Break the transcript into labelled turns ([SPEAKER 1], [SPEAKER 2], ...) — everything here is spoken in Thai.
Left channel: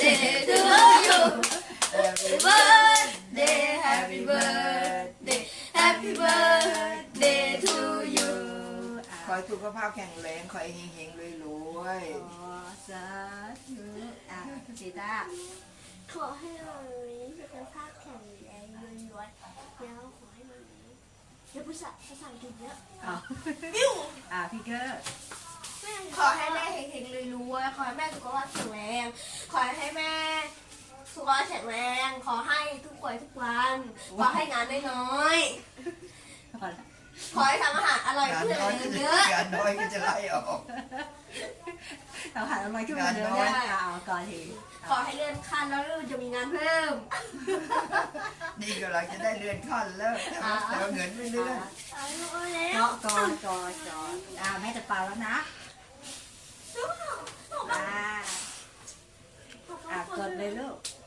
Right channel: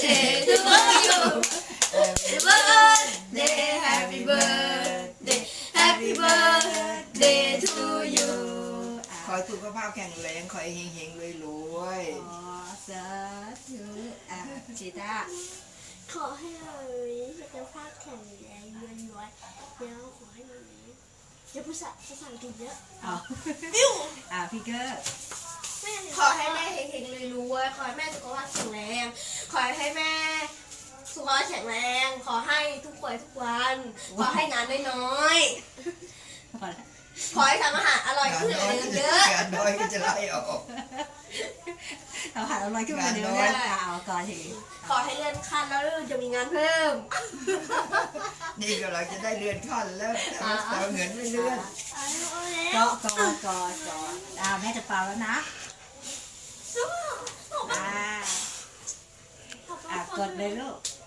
[SPEAKER 1] birthday to you Happy birthday Happy birthday Happy birthday to you
[SPEAKER 2] ขอให้สุขภาพแข็งแรงขอให้เฮงๆรวยๆ
[SPEAKER 3] อ๋อสาธุชีตา
[SPEAKER 1] ขอให้เราสุขภาพแข็งแรงรวยๆแล้วขอให้เราอย่าพูดภาษาอังกฤษเยอะ
[SPEAKER 3] อ๋อ
[SPEAKER 1] บิ้ว
[SPEAKER 3] พี่เกอร์
[SPEAKER 1] ขอให้แม่เฮงๆรวยๆขอให้แม่สุขภาพแข็งแรงขอให้แม่สุขภาพแข็งแรงขอให้ทุกวันขอให้งานได้น้อยขอให้ทำอาหารอร่อยขึ้นเยอะ
[SPEAKER 2] งานน้อยก็จะไล่ออก
[SPEAKER 3] เราหาอะไรขึ้นมาเดี๋ยวนะก่อนที
[SPEAKER 1] ขอให้เลื่อนขั้นแล้วจะมีงานเพิ่ม
[SPEAKER 2] นี่ก็เราจะได้เลื่อนขั้นแล้วแต่เงินไม่เลื่อน
[SPEAKER 3] ก่อนแม่จะเป่าแล้วนะกดเลยลูก